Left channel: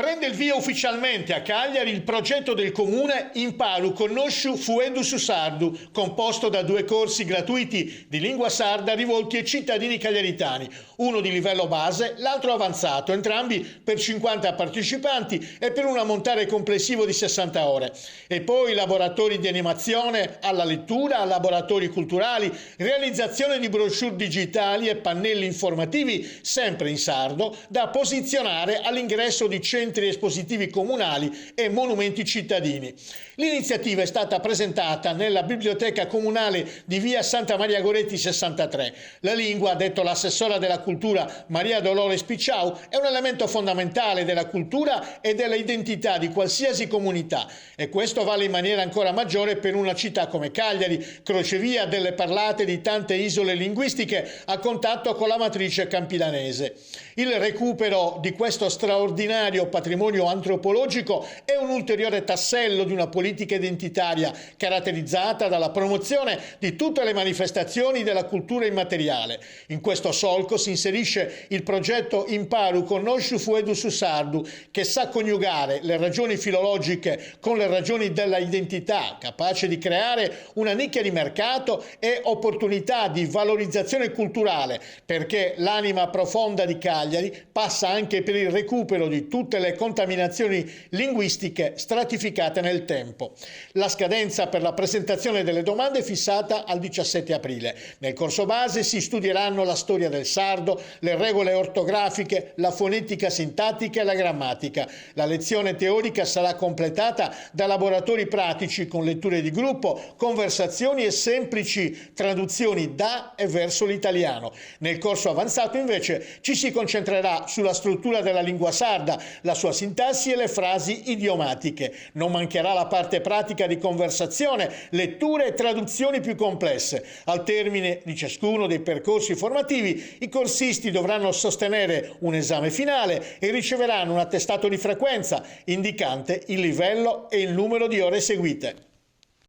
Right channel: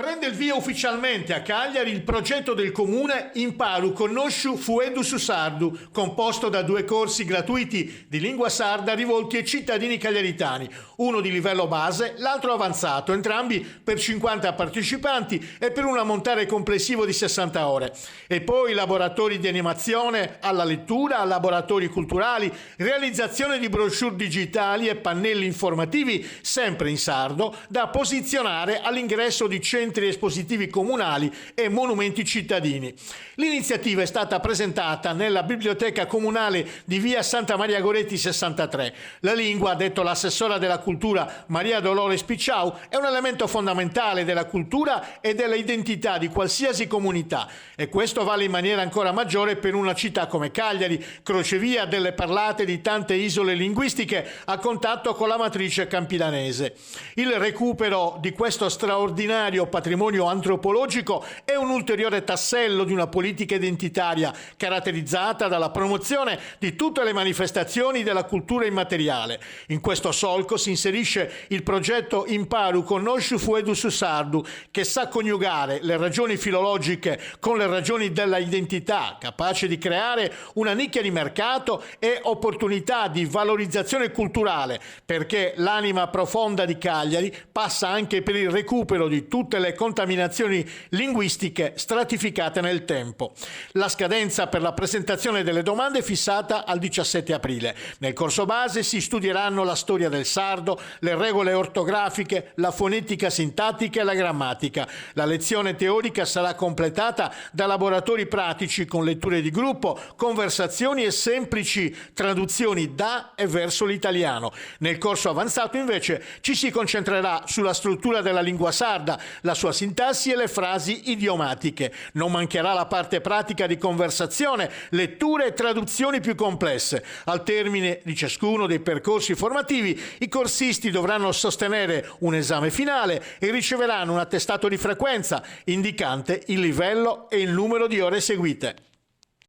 Prende il via ufficialmente a Cagliari il progetto del comune Imparu Conosciu Fuedu su Sardu, composto da 2 corsi gratuiti di lingua sarda rivolti ai cittadini cagliaritani, uno di livello base, l'altro avanzato, entrambi per 50 partecipanti e per un ammontare complessivo di 60 ore. E poi laboratori di animazione alla lettura, laboratori culturali, realizzazione di brochure digitali e pannelli informativi sempre in sardo da posizionare all'ingresso di centri espositivi comunali e monumenti cittadini. L'iniziativa è stata presentata nella biblioteca comunale di via Santa Maria Goretti 63. La lingua, ha detto l'assessora della cultura Maria Dolores Picciau, è un elemento fondamentale della cultura e della identità di qualsiasi comunità, e questo vale in maniera ancora maggiore per una città come Cagliari, crocevia delle parlate di tante isole linguistiche a contatto con la matrice campidanese. Il recupero di questo straordinario patrimonio antropologico è un ulteriore tassello di una politica identitaria caratterizzata dalla promozione di tutte le manifestazioni della cultura immateriale. In questo solco si inserisce il progetto Imparu Conosciu Fuedu su Sardu, che sa coniugare le ragioni filologiche con le ragioni della identità, capace di creare una nicchia di mercato e opportunità di valorizzazione culturale, perché l'anima profonda di Cagliari passa anche per il recupero di tutte le contaminazioni linguistiche stratificate nel tempo. La scadenza per la presentazione delle domande è fissata al 17 aprile. Nel corso base si studieranno la storia del sardo, le regole ortografiche, la fonetica sintattica e la grammatica. La lezione teorica sarà completata da laboratori pratici con letture di gruppo, conversazioni e semplici traduzioni da e verso l'italiano. Nel corso avanzato invece ci si concentrerà sulla struttura della lingua sarda, la sua sintassi e le frasi idiomatiche. Non mancherà la parte pratica di conversazione, letture e traduzioni più complesse. Al termine di ciascuno dei percorsi formativi, i corsisti dovranno sostenere un esame finale e riceveranno un attestato di frequenza indicante il livello e il numero di ore seguite.